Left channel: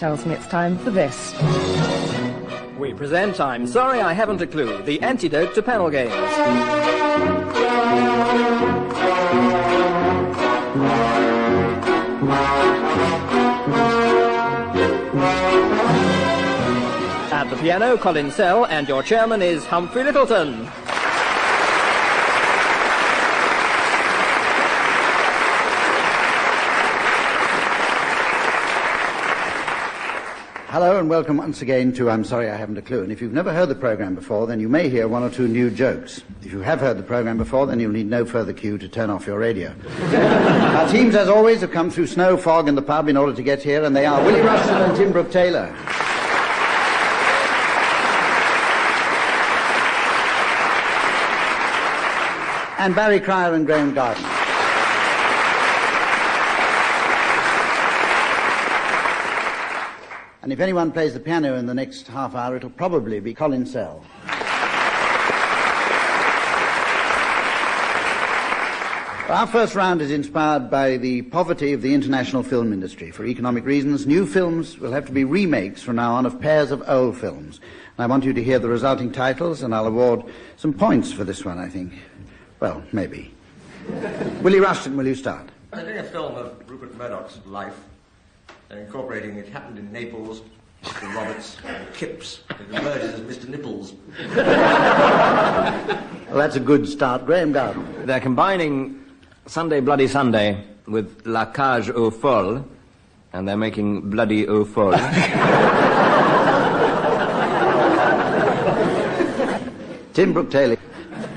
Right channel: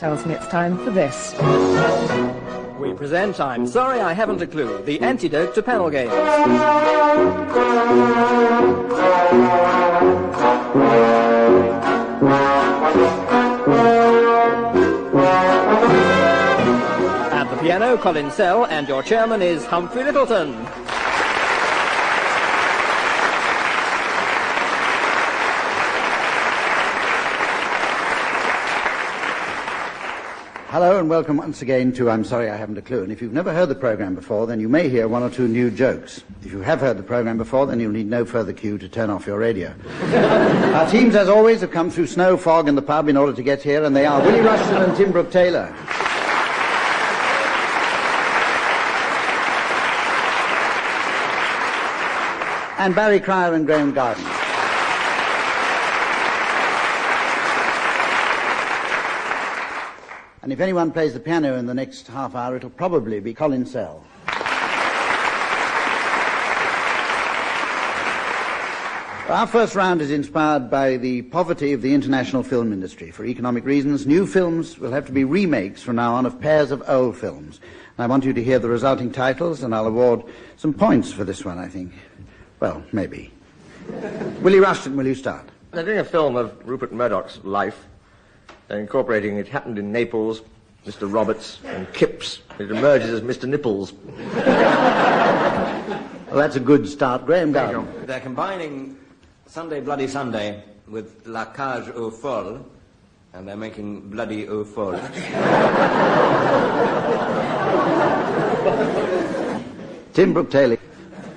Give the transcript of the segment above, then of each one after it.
tells me it's time for this. We present I'm Sorry I Haven't a Clue, the antidote to panel games. At the piano, Colin and your chairman is Humphrey Lyttelton. Hello and welcome once again to I'm Sorry I Haven't a Clue. And if you've never heard the programme before, then you may hear one or two new jokes. If you have heard the programme before, then you'll need no further cue to turn off your radio. Our teams, as always, have come through snow, fog and the pub in order to get here, and they are Willie Rushton and Tim Brooke-Taylor. And Barry Cryer and Graeme Garden. And if anyone plays the piano in the next half hour, it'll probably be Colin. Our first round is inspired by the poverty of the international film industry. For economic reasons, new films will have to be remakes from now on of pairs of old films. And I want you to hear the resulting titles, and I'll award some points for this one, I think. Well, maybe. Willie Rushton, will you start? They're doing a film of Rupert Murdoch's life. They're incorporating It Happened in Naples, Mr. Roberts, and Kipps. It emerges as Mr. Nipples. Well, that's a good start. Graeme Garden. They're combining Sunday Bloody Sunday with La Cage aux Folles, and they're making Bloody aux Folles. Tim Brooke-Taylor.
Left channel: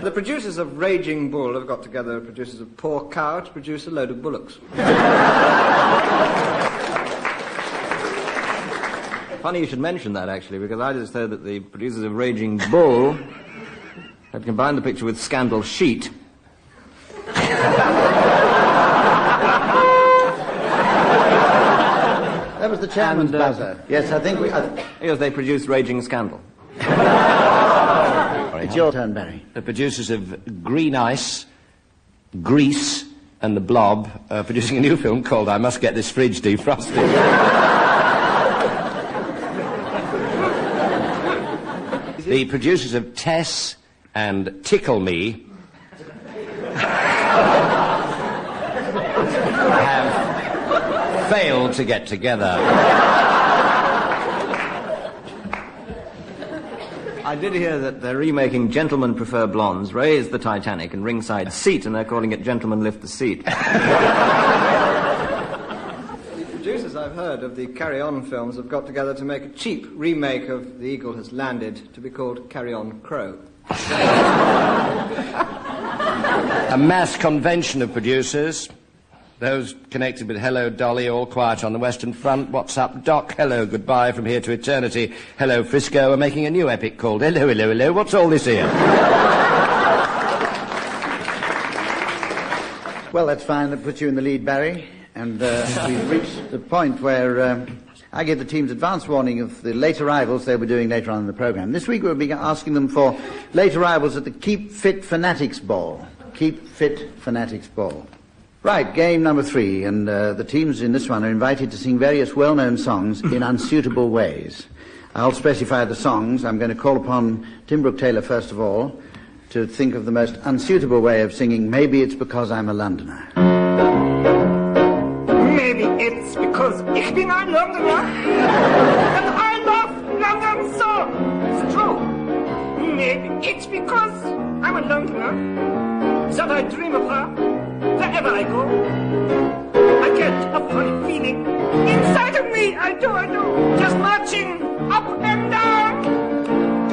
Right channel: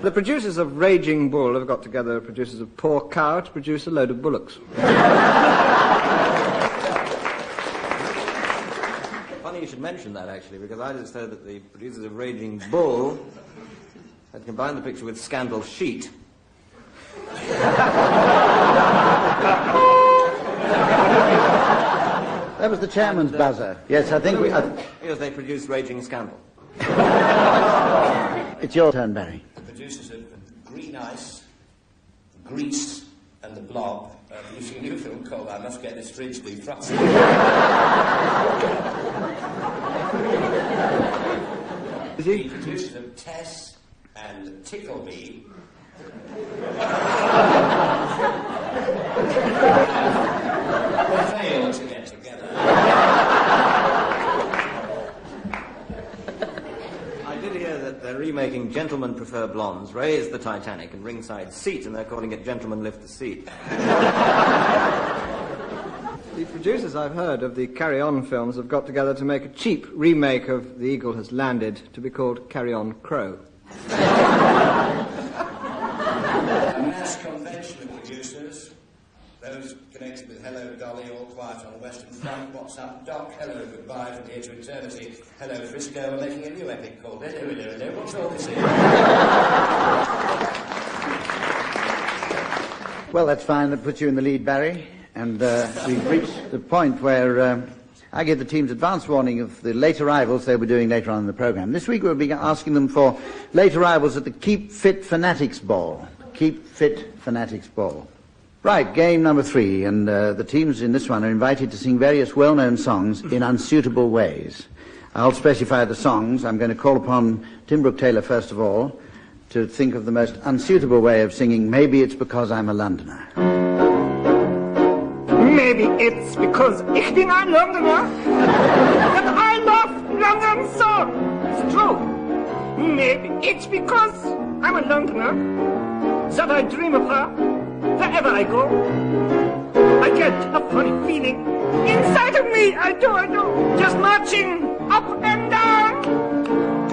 The producers of Raging Bull have got together producers of Poor Cow to produce a load of bullocks. Funny you should mention that, actually, because I just heard that the producers of Raging Bull had combined the picture with Scandal Sheet. That was the chairman's buzzer. Yes, I think we... Yes, they produced Raging Scandal. It's your turn, Barry. The producers of Green Ice, Grease, and The Blob are producing a new film called I Must Get This Fridge Defrosted. The producers of Tess and Tickle Me have failed to get together. I did hear that they're remaking Gentlemen Prefer Blondes, Raise the Titanic, and Ringside Seat, and they're calling it Gentlemen Lift the Seat. The producers, I've heard, of the Carry On films have got together to make a cheap remake of The Eagle Has Landed to be called Carry On Crow. A mass convention of producers. Those connected with Hello Dolly, All Quiet on the Western Front, What's Up Doc, Hello Goodbye from Here to Eternity, Hello Frisco are making a new epic called Hello, Hello, Hello, What's All This Here? Well, that's fine. That puts you in the lead, Barry. And we've reached the point where I give the teams advance warning of the late arrivals they were doing later on in the programme. This week we'll be asking them for late arrivals at the Keep Fit Fanatics Ball. Keep Fit Fanatics Ball. Right, game number 3, and the teams in this one are invited to sing various well-known songs in unsuitable ways. I'll specify the songs. I'm going to call upon Tim Brooke-Taylor first of all to think of the most unsuitable way of singing Maybe It's Because I'm a Londoner. Maybe it's because ich bin ein Londoner and I love London so. It's true. Maybe it's because I'm a Londoner that I dream of her wherever I go. I get a funny feeling inside of me. I do. Just marching up and down.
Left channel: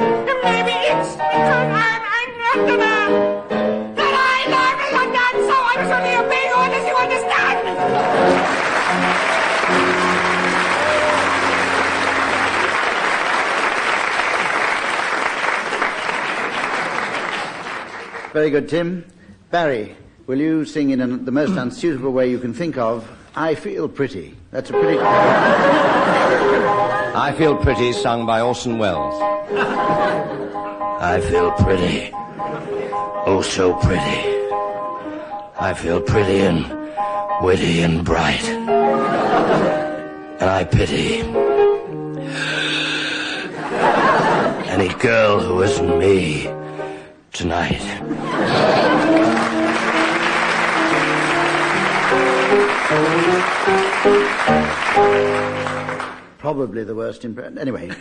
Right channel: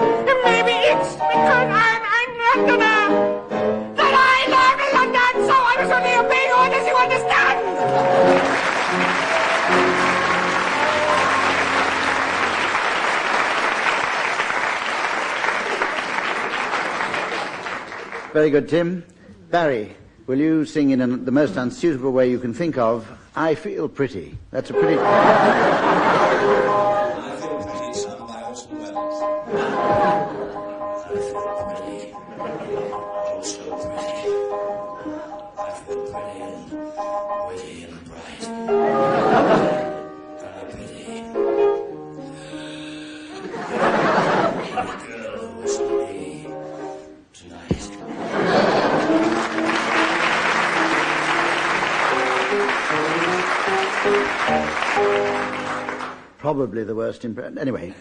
And maybe it's because I'm a Londoner that I love London so. I was only a being honest, you understand? Very good, Tim. Barry, will you sing in the most unsuitable way you can think of, I Feel Pretty? That's a pretty... I Feel Pretty, sung by Orson Welles. I feel pretty, oh so pretty. I feel pretty and witty and bright. And I pity any girl who isn't me tonight. Probably the worst impression. Anyway,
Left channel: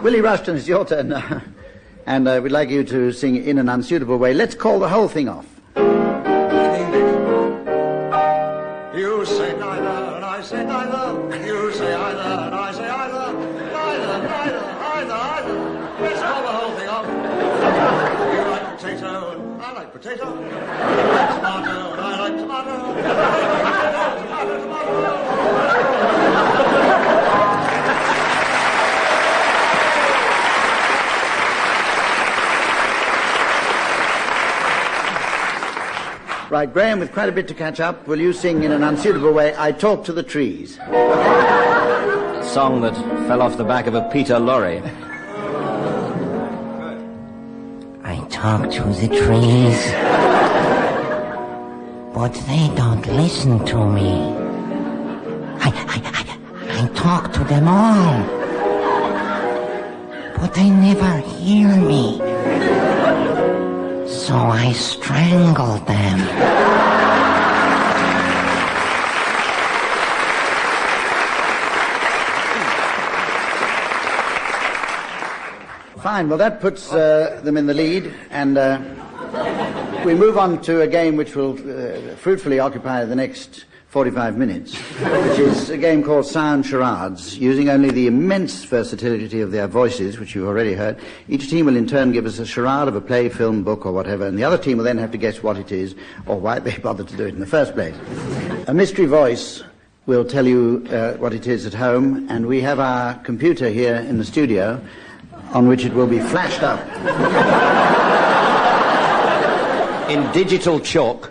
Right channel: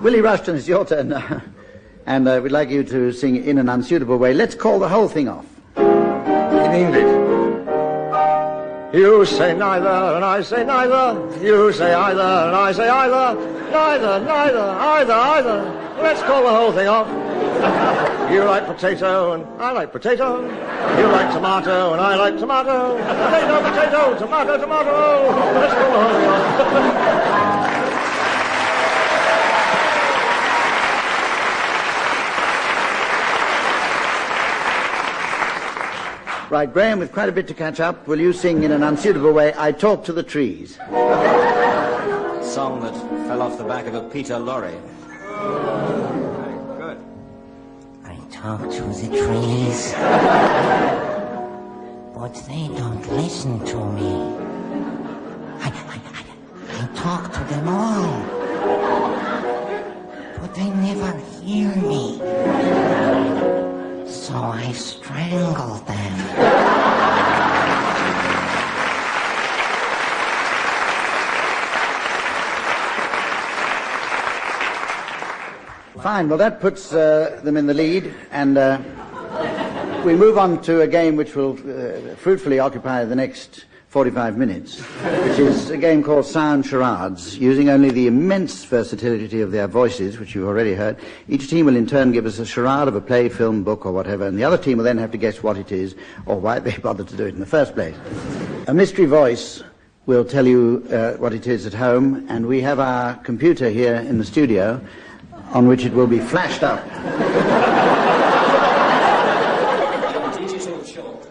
Willie Rushton, it's your turn now. And we'd like you to sing In an Unsuitable Way. Let's call the whole thing off. In English. You say neither, and I say neither. You say either, and I say either. Neither, either. Let's call the whole thing off. You like potato, and I like potato. You like tomato, and I like tomato. Potato, tomato. Let's call the whole thing off. Right, Graeme, with quite a bit to catch up, will you sing In an Unsuitable Way, I Talk to the Trees? Song that fell off the back of a Peter lorry. I talk to the trees, but they don't listen to me. I talk to them all, but they never hear me. So I strangle them. Fine, well that puts them in the lead, and we move on to a game which will fruitfully occupy the next 45 minutes, which is a game called Sound Charades, using only the immense versatility of their voices, which you've already heard. Each team will in turn give us a charade of a play, film, book, or whatever, and the other team will then have to guess what it is, or why they bothered to do it in the first place. A mystery voice will tell you what it is at home, and we have our computer here in the studio, on which it will be flashed up. In digital chalk.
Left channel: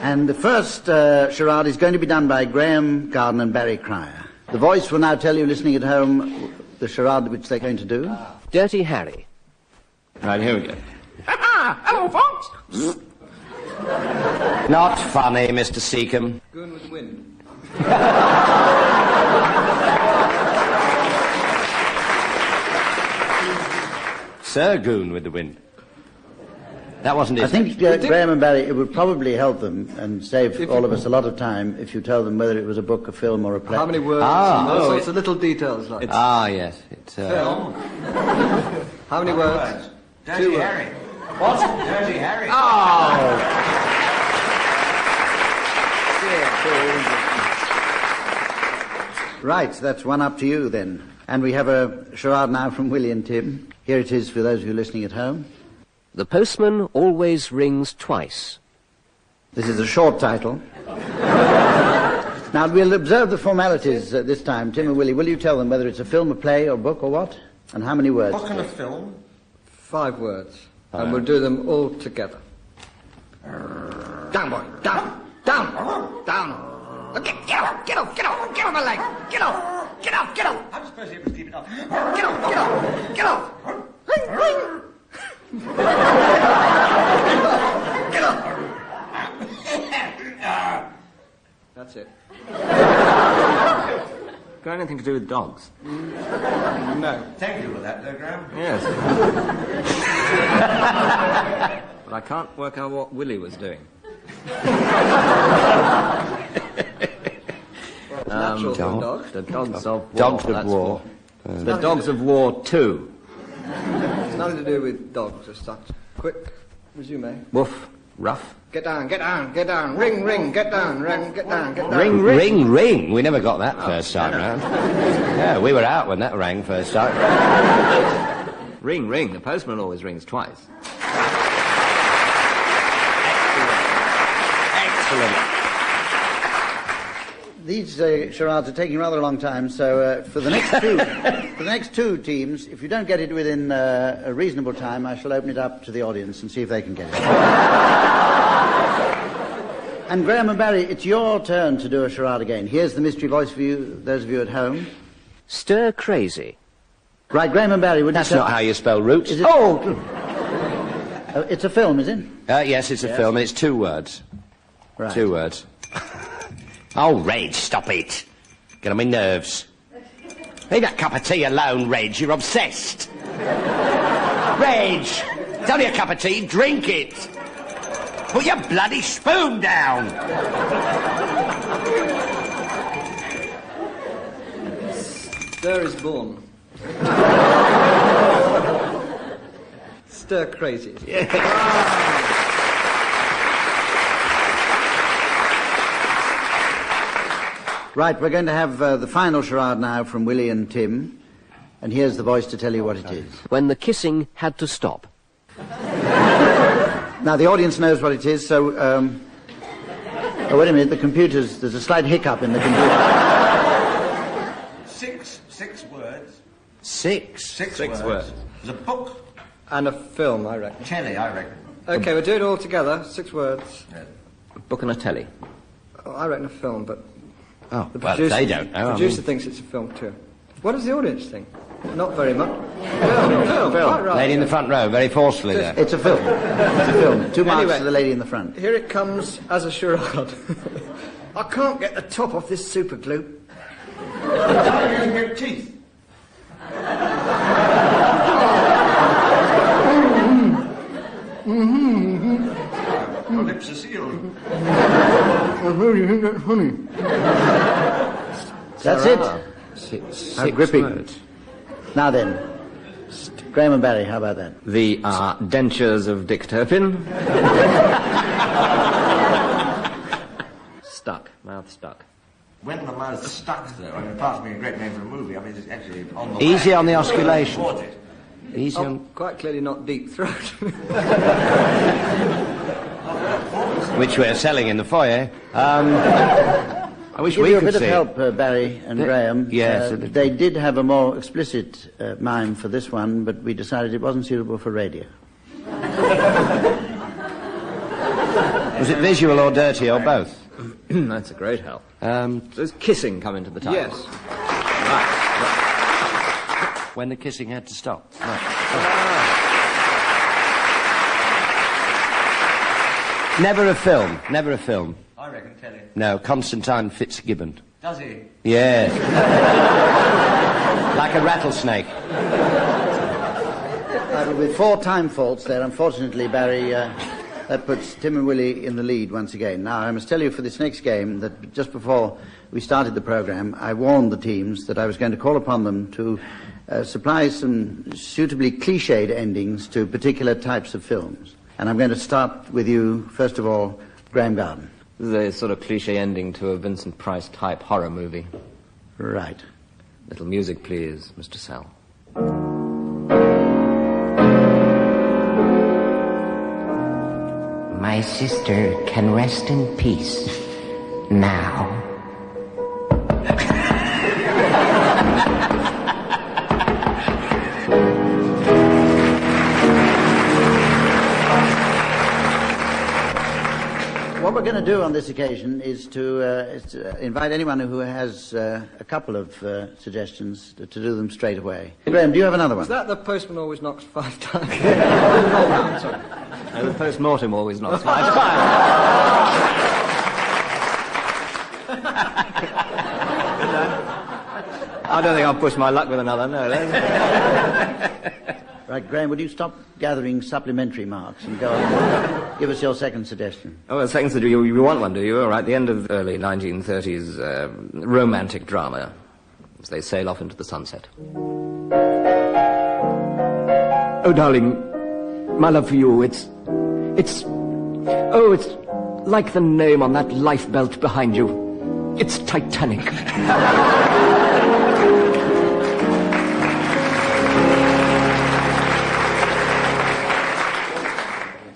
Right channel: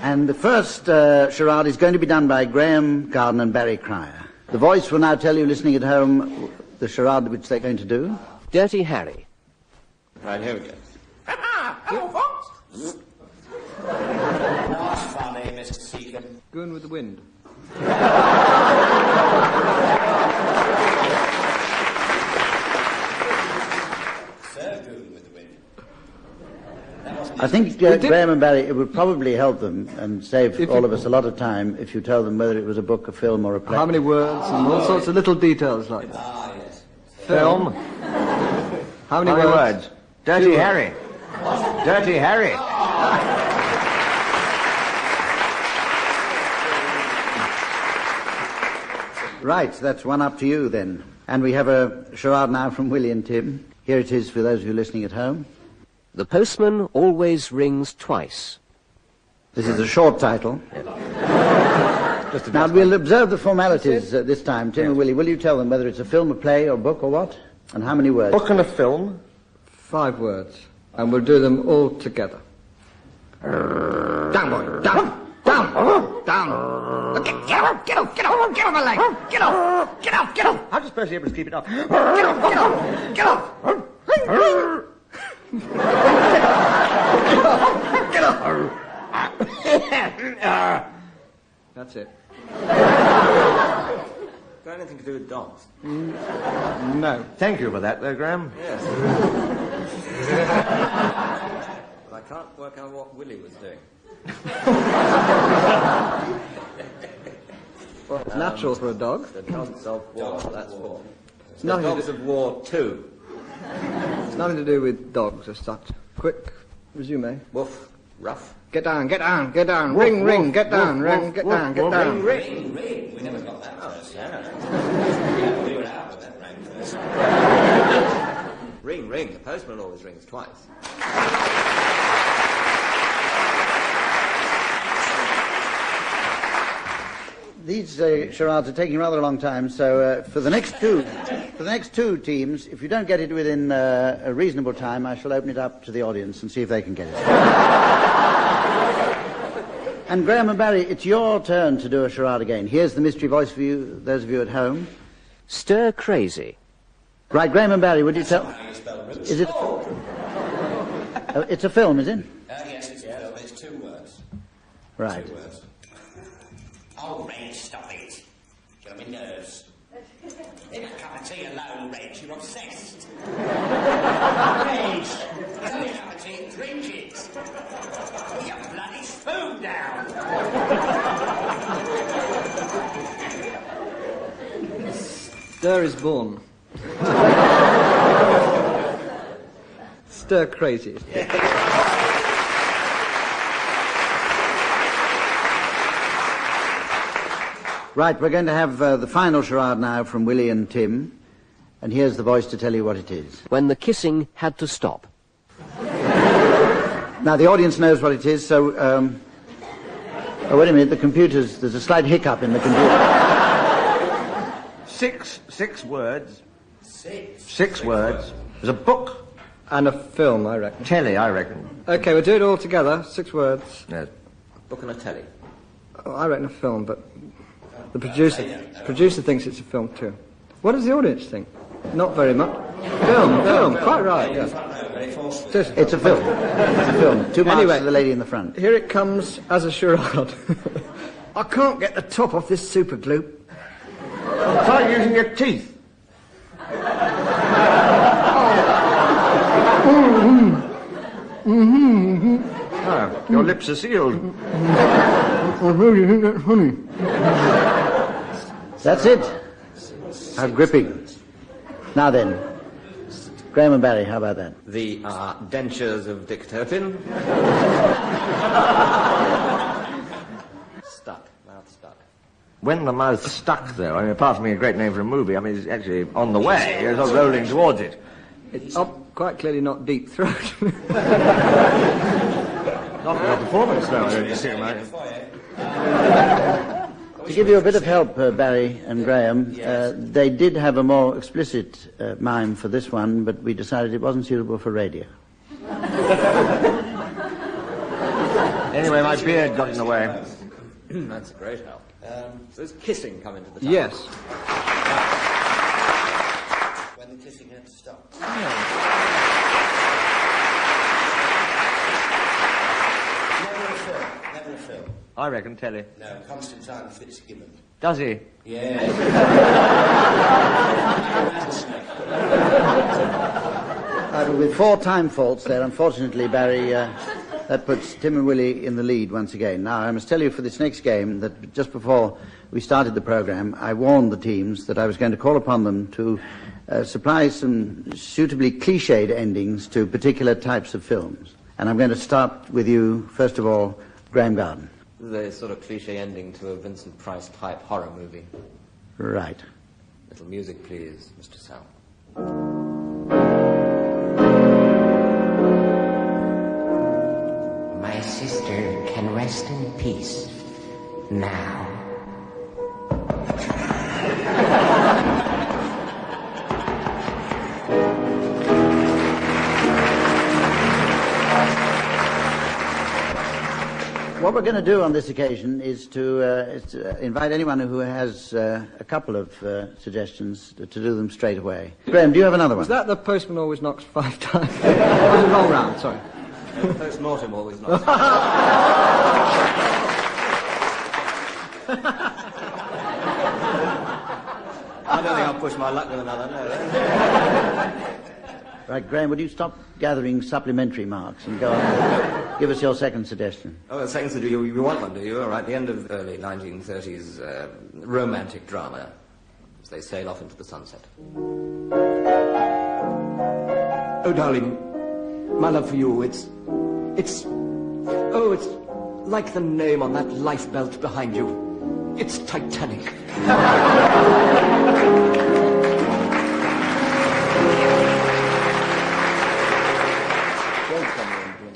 And the first charade is going to be done by Graeme, Garden and Barry Cryer. The voice will now tell you, listening at home, the charade which they're going to do. Dirty Harry. Right, here we go. Hello, folks. Not funny, Mr. Seacombe. Going with the wind. Sir Goon with the wind. That wasn't it. I think, Graeme and Barry, it would probably help them and save all of us a lot of time if you tell them whether it was a book, a film, or a play. How many words and all sorts of little details like that. Yes. It's, Film. How many words? Dirty Harry. What? Dirty Harry. Right, that's one up to you then. And we have a charade now from Willie and Tim. Here it is for those of you listening at home. The postman always rings twice. This is a short title. Now, we'll observe the formalities this time. Tim and Willie, will you tell them whether it's a film, a play, or book, or what? And how many words? Book and a film. 5 words. And we'll do them all together. Down, boy. Down. Okay, get off my leg. Get off. How do you suppose you're able to keep it up? Get off. That's it. Got anything to do with dogs? No. Thank you for that, Graeme. Yes. But I can't work out what Willie was doing. Well, it's natural for a dog. The dogs of war. Dogs of that's war. what- The dogs of war 2. It's nothing to do with dogs as such. Quick, resume. Woof. Rough. Get down. Ring, get down. Ring, get down. Ring. We never got that first time round. Yeah, we were out when that rang first time. Ring. The postman always rings twice. These charades are taking rather a long time, so for the next two teams, if you don't get it within a reasonable time, I shall open it up to the audience and see if they can get it. And Graeme and Barry, it's your turn to do a charade again. Here's the mystery voice for you, those of you at home. Stir crazy. Right, Graeme and Barry, would you That's tell... not how you spell roots. Is it... it's a film, is it? Yes, it's a film, and it's 2 words. Right. 2 words. Oh, Rage, stop it. Get on my nerves. Leave that cup of tea alone, Reg. You're obsessed. Reg, it's only a cup of tea. Drink it. Put your bloody spoon down. Stir is born. Stir crazy. Right, we're going to have the final charade now from Willie and Tim. And here's the voice to tell you what it is. When the kissing had to stop. Now, the audience knows what it is, so... oh, wait a minute, there's a slight hiccup in the computer. Six words. Six words. There's a book. And a film, I reckon. Telly, I reckon. Okay, we'll do it all together. 6 words. Yeah. A book and a telly. Oh, I reckon a film, but Oh, the well, producer, they don't know. producer thinks it's a film too. What does the audience think? Not very much. Film, quite right. Lady in the front row, very forcefully. There. It's a film. It's a film. 2 marks Anyway. to the lady in the front. Here it comes as a charade. I can't get the top off this super glue. Try using your teeth. Your lips are sealed. I really think that's funny. That's it. How Six gripping. words. Now then, Graeme and Barry, how about that? The dentures of Dick Turpin. Stuck. Mouth stuck. When the mouth's stuck there, I mean, apart from being a great name for a movie, I mean, it's actually on the way. Easy on the It's not rolling oscillation. towards it. Quite clearly not deep throat. Which we're selling in the foyer. I wish Give we you a could bit of see help, Barry and Graeme. yes. They did have a more explicit mime for this one, but we decided it wasn't suitable for radio. Is it visual or dirty or both? That's a great help. Does kissing come into the title? Yes. When the kissing had to stop. Never a film. Never a film. I reckon telly. No, Constantine Fitzgibbon. Does he? Yeah. Like a rattlesnake. With 4 time faults there, unfortunately, Barry, that puts Tim and Willie in the lead once again. Now, I must tell you for this next game that just before we started the programme, I warned the teams that I was going to call upon them to supply some suitably cliched endings to particular types of films. And I'm going to start with you, first of all, Graeme Garden. This is a sort of cliche ending to a Vincent Price type horror movie. Right. Little music, please, Mr. Sal. My sister can rest in peace now. What we're going to do on this occasion is to invite anyone who has a couple of suggestions to do them straight away. Graeme, do you have another one? Is that the postman always knocks 5 times? Roll round, sorry. The post-mortem always knocks. I don't think I'll push my luck with another, no. Right, Graeme, would you stop gathering supplementary marks and go on? Give us your second suggestion. Oh, the second suggestion, you want one, do you? All right, the end of early 1930s romantic drama as they sail off into the sunset. Oh, darling, my love for you, it's like the name on that lifebelt behind you. It's Titanic.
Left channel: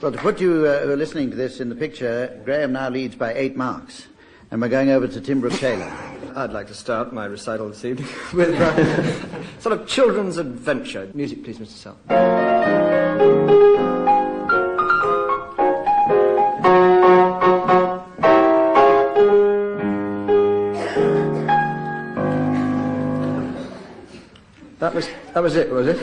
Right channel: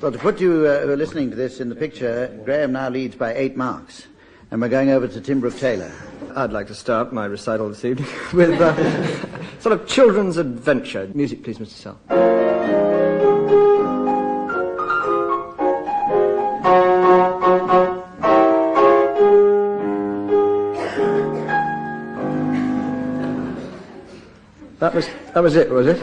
Well, to put you who are listening to this in the picture, Graeme now leads by 8 marks. And we're going over to Tim Brooke-Taylor. I'd like to start my recital this evening with sort of children's adventure. Music, please, Mr. Sal. That was it, was it?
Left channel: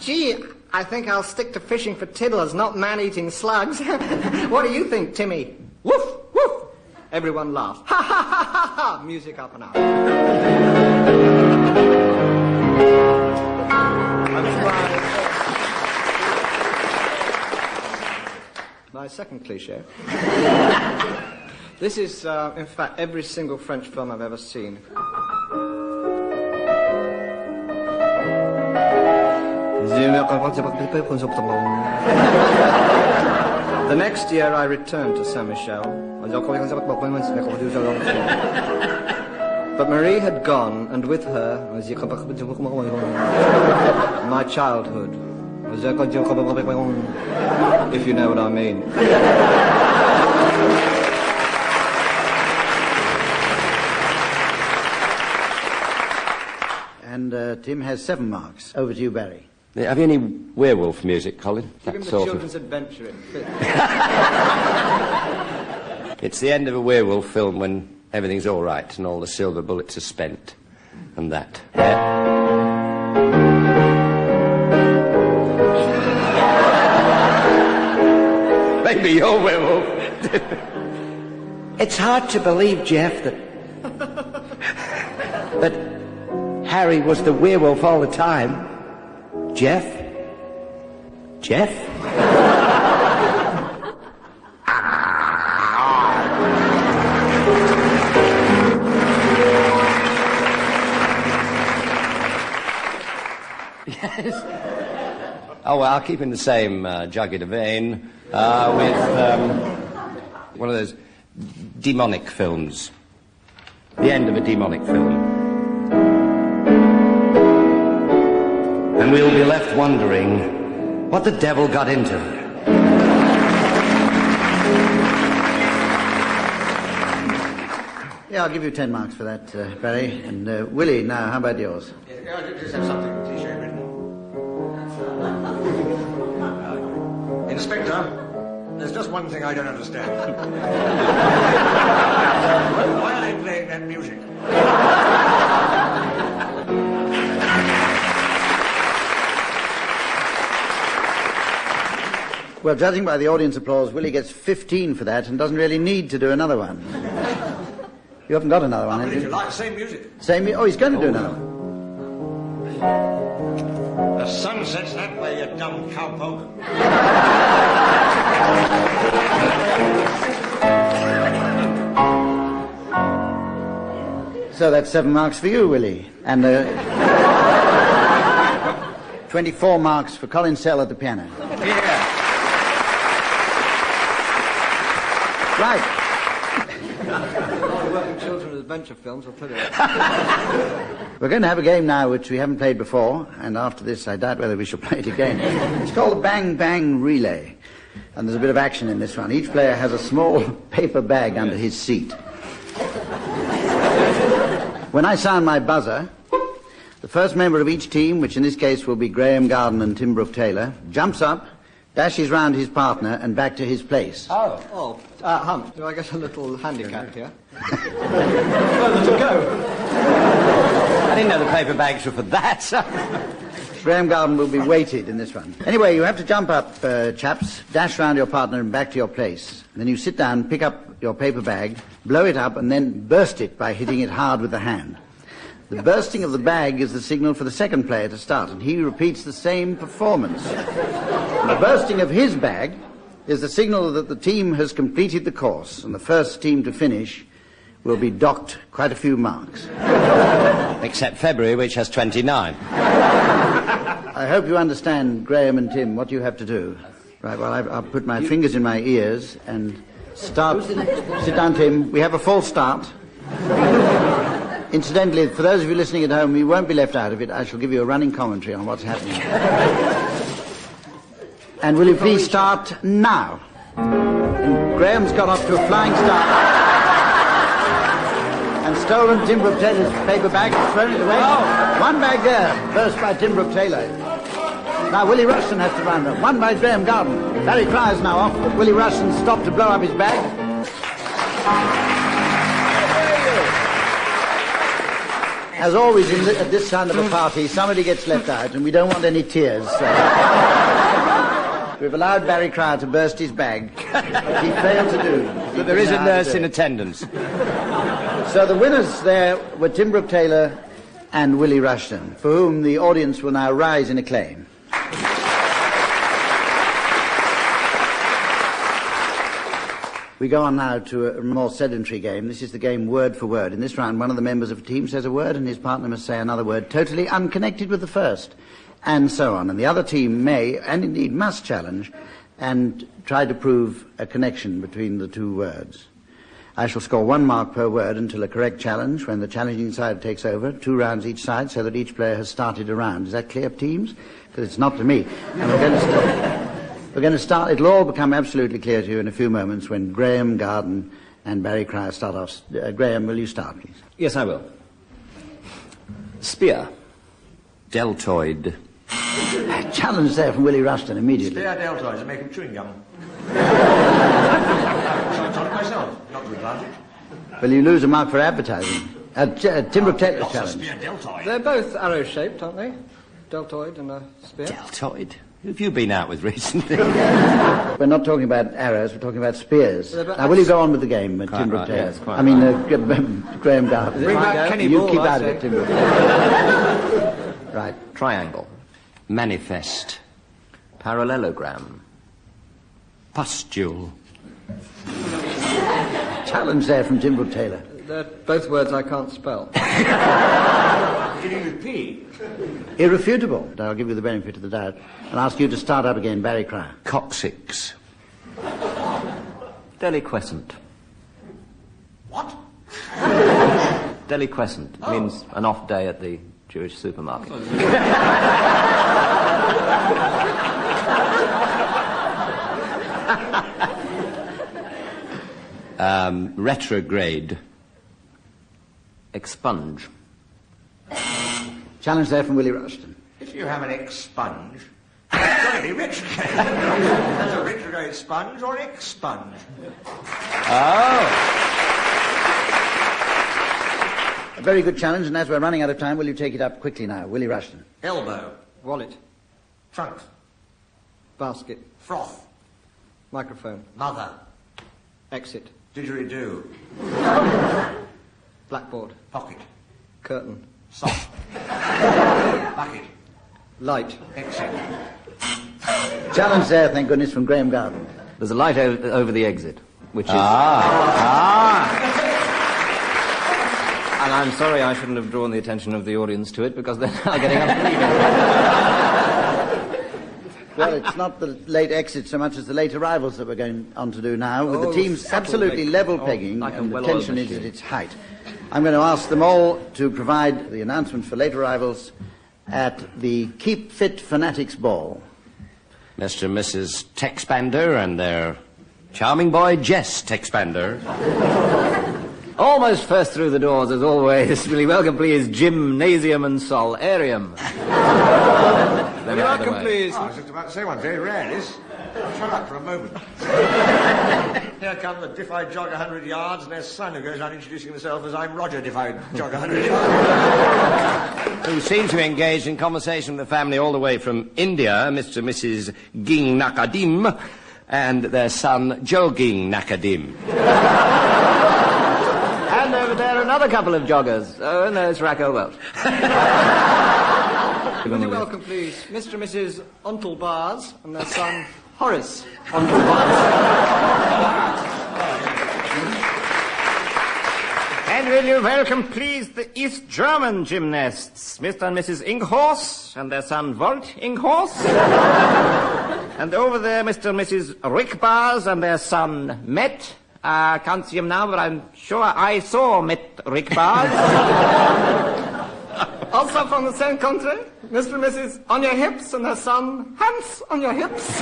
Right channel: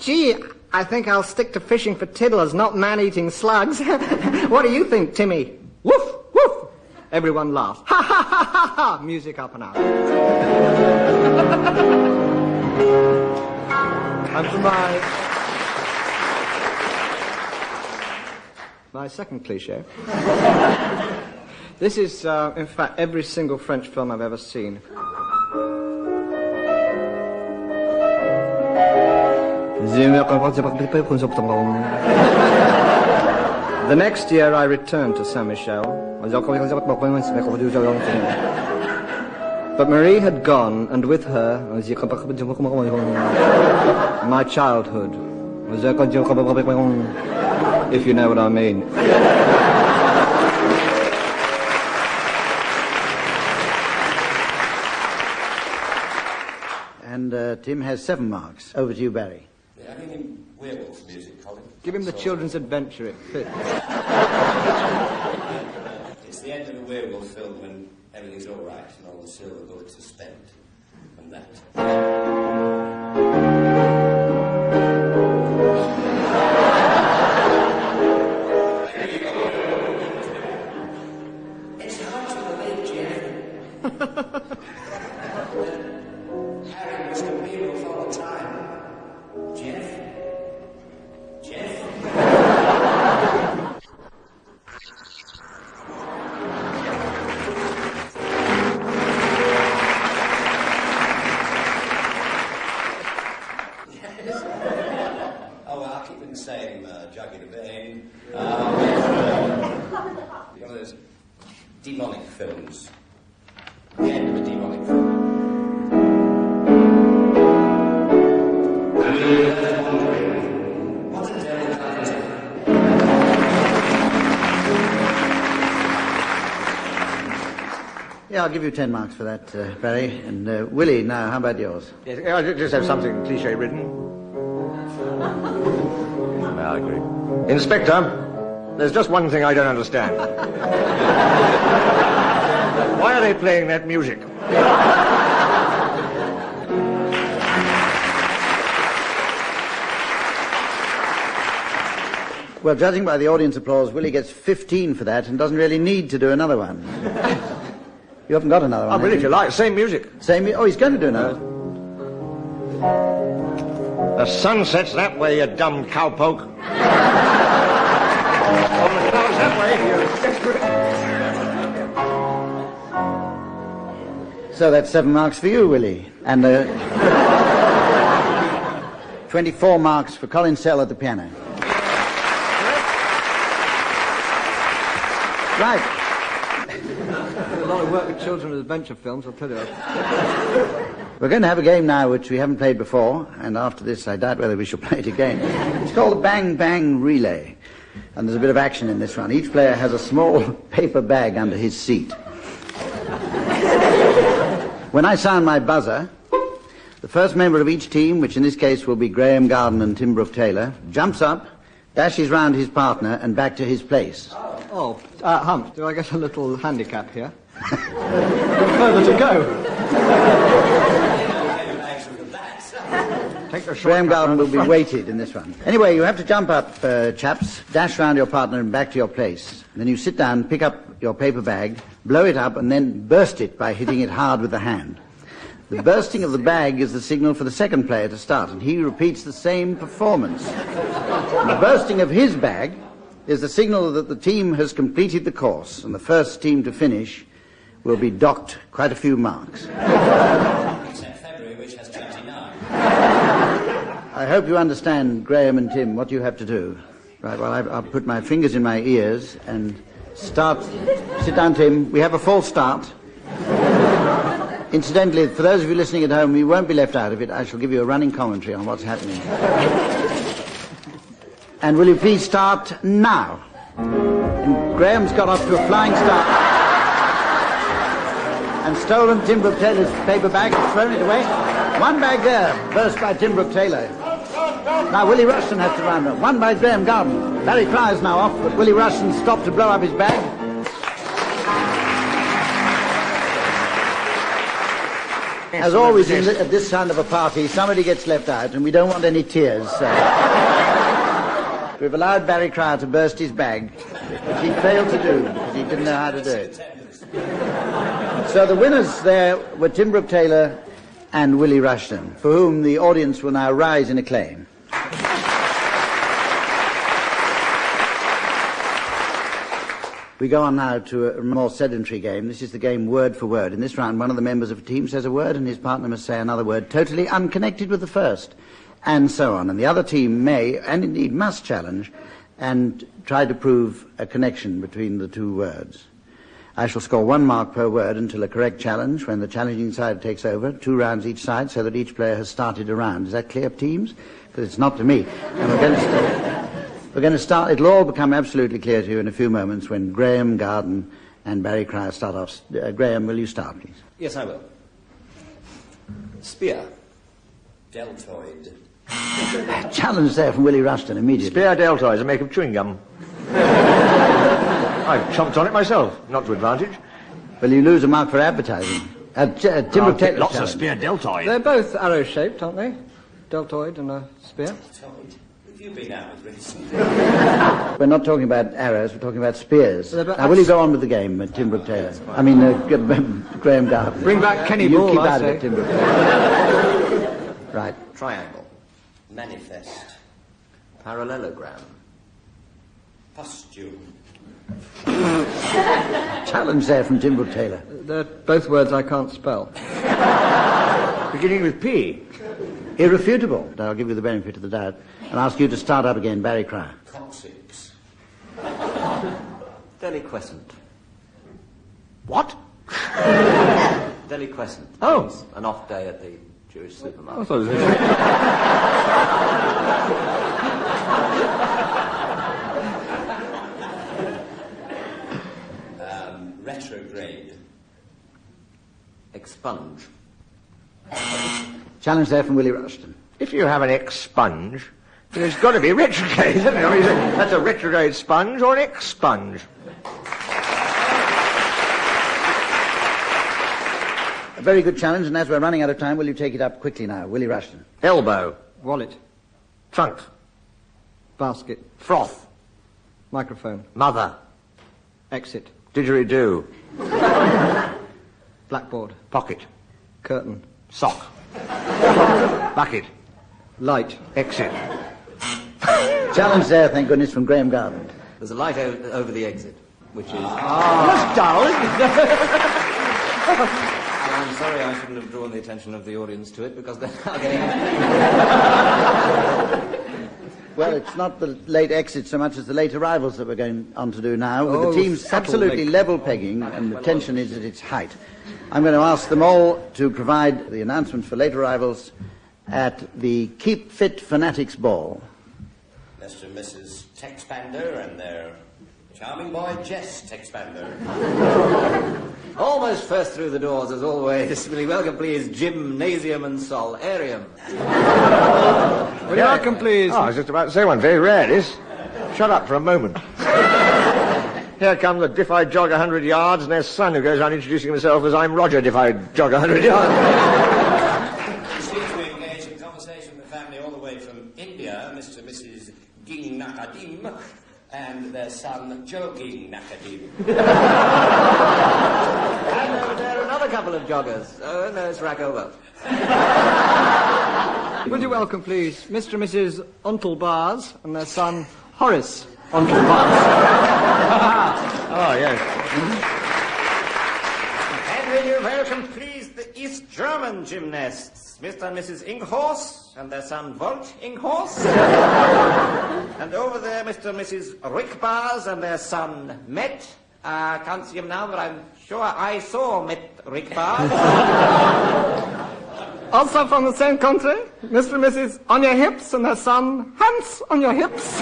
Gee, I think I'll stick to fishing for tiddlers, not man-eating slugs. What do you think, Timmy? Woof, woof. Everyone laughs. Ha ha ha ha ha! Music up and out. And my second cliche. This is, in fact, every single French film I've ever seen. The next year I returned to Saint-Michel. But Marie had gone, and with her, my childhood. If you know what I mean. And Tim has 7 marks. Over to you, Barry. Have you any werewolf music, Colin? Give him the children's adventure. It fits. It's the end of a werewolf film when everything's all right and all the silver bullets are spent. And that. Maybe you're werewolf. It's hard to believe, Jeff, that Harry was the werewolf all the time. Jeff? Jeff? Yes. Oh, well, I'll keep in the same jagged vein with one of those demonic films. The end of a demonic film. And we'll be left wondering what the devil got into her. Yeah, I'll give you 10 marks for that, Barry. And Willie, now, how about yours? Yes, I just have something cliche-ridden. I agree. Inspector, there's just one thing I don't understand. Why are they playing that music? Well, judging by the audience applause, Willie gets 15 for that and doesn't really need to do another one. You haven't got another one, Oh, but if you like, same music. Oh, he's going to do another. The sun sets that way, you dumb cowpoke. So that's 7 marks for you, Willie. And 24 marks for Colin Sell at the piano. Right. A lot of work with children's adventure films, I'll tell you. We're going to have a game now which we haven't played before, and after this I doubt whether we shall play it again. It's called the Bang Bang Relay, and there's a bit of action in this one. Each player has a small paper bag under his seat. When I sound my buzzer, the first member of each team, which in this case will be Graeme Garden and Tim Brooke-Taylor, jumps up, dashes round his partner and back to his place. Hump, do I get a little handicap here? Further to go. I didn't know the paper bags were for that. Graeme Garden will be weighted in this one. Anyway, you have to jump up, chaps, dash round your partner and back to your place. And then you sit down, pick up your paper bag, blow it up, and then burst it by hitting it hard with the hand. The bursting of the bag is the signal for the second player to start, and he repeats the same performance. The bursting of his bag is the signal that the team has completed the course, and the first team to finish will be docked quite a few marks. Except February, which has 29. I hope you understand, Graeme and Tim, what you have to do. Right, well, I'll put my fingers in my ears and start. Sit down, Tim. We have a false start. Incidentally, for those of you listening at home, you won't be left out of it. I shall give you a running commentary on what's happening. And will you please start now? And Graeme's got off to a flying start. And stolen Tim Brooke-Taylor's paper bag, thrown it away. One bag there, burst by Tim Brooke-Taylor. Now Willie Rushton has to run. One by Graeme Garden. Barry Fly's now off, but Willie Rushton stopped to blow up his bag. As always at this kind of a party, somebody gets left out, and we don't want any tears. So. We've allowed Barry Cryer to burst his bag, which he failed to do. There is a nurse in attendance. So the winners there were Tim Brooke-Taylor and Willie Rushton, for whom the audience will now rise in acclaim. We go on now to a more sedentary game. This is the game word for word. In this round, one of the members of a team says a word and his partner must say another word totally unconnected with the first, and so on. And the other team may, and indeed must, challenge and try to prove a connection between the two words. I shall score 1 mark per word until a correct challenge, when the challenging side takes over, 2 rounds each side, so that each player has started a round. Is that clear, teams? Because it's not to me. And we're going to start, it'll all become absolutely clear to you in a few moments when Graeme, Garden and Barry Cryer start off. Graeme, will you start, please? Yes, I will. Spear. Deltoid. Challenge there from Willie Rushton immediately. Spear deltoids, a make of chewing gum. I've chomped on it myself, not to advantage. Well, you lose a mark for advertising. Tim Brooke-Taylor. Lots of spear deltoids. They're both arrow-shaped, aren't they? Deltoid and a spear. Deltoid? Who have you been out with recently? We're not talking about arrows, we're talking about spears. Now, will you go on with the game, Tim Brooke-Taylor? Yes, I mean, Graeme Garden. Bring back Kenny You Ball, keep I out of say. it, Tim Brooke-Taylor. Right. Triangle. Manifest. Parallelogram. Pustule. Challenge there from Tim Brooke-Taylor. They're both words I can't spell. Beginning with P. Irrefutable. I'll give you the benefit of the doubt and ask you to start up again, Barry Cryer. Coccyx. Deliquescent. What? Deliquescent. Oh. Means an off day at the Jewish supermarket. Retrograde. Expunge. Challenge there from Willie Rushton. If you have an expunge, it's got to be retrograde. That's a retrograde sponge or an expunge. A very good challenge, and as we're running out of time, will you take it up quickly now, Willie Rushton? Elbow. Wallet. Trunk. Basket. Froth. Microphone. Mother. Exit. Didgeridoo. Blackboard. Pocket. Curtain. Sock. Bucket. Light. Exit. Challenge there, thank goodness, from Graeme Garden. There's a light over the exit, which is... And I'm sorry I shouldn't have drawn the attention of the audience to it, because they're now getting up. Well, it's not the late exit so much as the late arrivals that we're going on to do now, with Oh, the teams subtle absolutely late. level pegging, like a and the well-oiled tension is machine. at its height. I'm going to ask them all to provide the announcements for late arrivals at the Keep Fit Fanatics Ball. Mr. and Mrs. Texpander and their charming boy, Jess Texpander. Almost first through the doors, as always. Will you welcome, please, Gymnasium and Solarium. Will you welcome, please? Oh, I was just about to say one. Very rare, this. Shut up for a moment. Here come the Diff I Jog 100 Yards and their son who goes on introducing himself as I'm Roger Diff I Jog 100 Yards. Who seem to be engaged in conversation with the family all the way from India, Mr. and Mrs. Ging Nakadim, and their son, Joging Nakadim. And over there, another couple of joggers. Oh, no, it's Racco Welch. Would you welcome, please, Mr. and Mrs. Ontelbars and their son, Horace Ontelbars. Oh, yes. And will you welcome, please, the East German gymnasts, Mr. and Mrs. Inghorst and their son, Volt Inghorst. And over there, Mr. and Mrs. Rickbars and their son, Met. I can't see him now, but I'm sure I saw Met Rickbars. Also from the same country, Mr. and Mrs. On Your Hips and their son, Hans On Your Hips.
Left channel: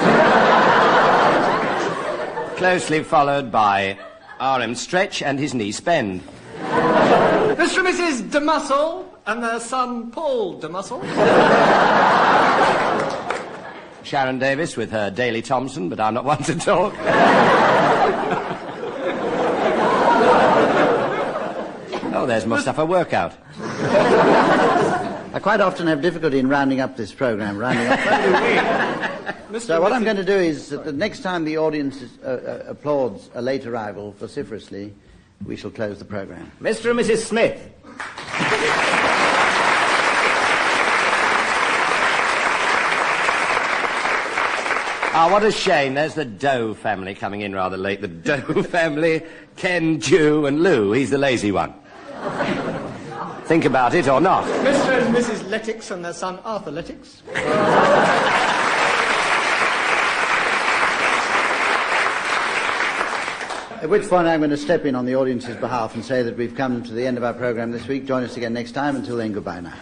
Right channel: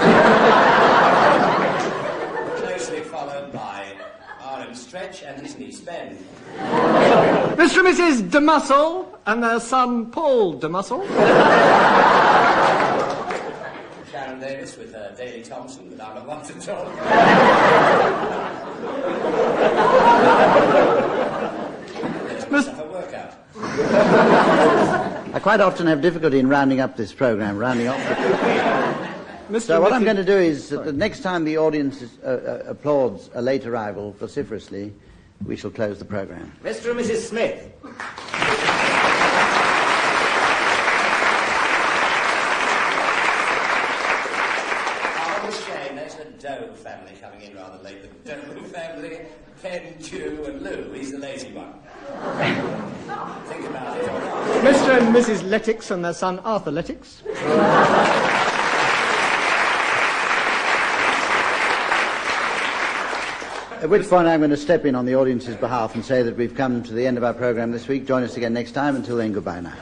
Closely followed by R.M. Stretch and his niece Ben. Mr. and Mrs. De Muscle and their son, Paul De Muscle. Sharon Davis with her Daley Thompson, but I'm not one to talk. Oh, there's guys must have a workout. I quite often have difficulty in rounding up this programme, So what I'm going to do is, that the next time the audience applauds a late arrival vociferously, we shall close the programme. Mr. and Mrs. Smith. Ah, what a shame. There's the Doe family coming in rather late. The Doe family, Ken, Jew, and Lou. He's the lazy one. Think about it or not. Mr. and Mrs. Lettix and their son Arthur Lettix. At which point I'm going to step in on the audience's behalf and say that we've come to the end of our programme this week. Join us again next time. Until then, goodbye now.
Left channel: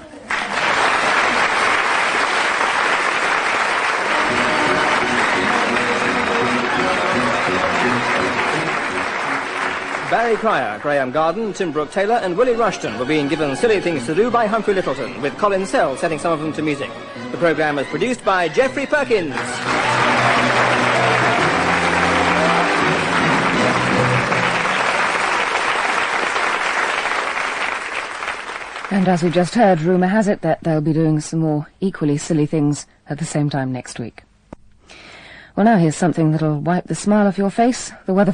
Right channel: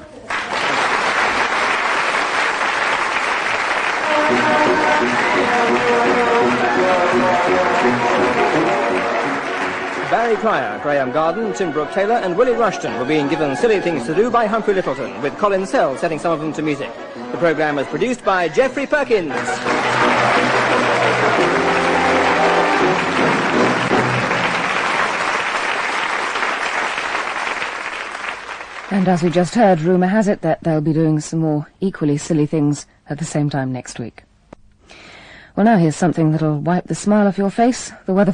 Barry Cryer, Graham Garden, Tim Brooke-Taylor and Willie Rushton were being given silly things to do by Humphrey Lyttelton, with Colin setting some of them to music. The programme was produced by Geoffrey Perkins. And as we just heard, rumour has it that they'll be doing some more equally silly things at the same time next week. Well, now here's something that'll wipe the smile off your face. The weather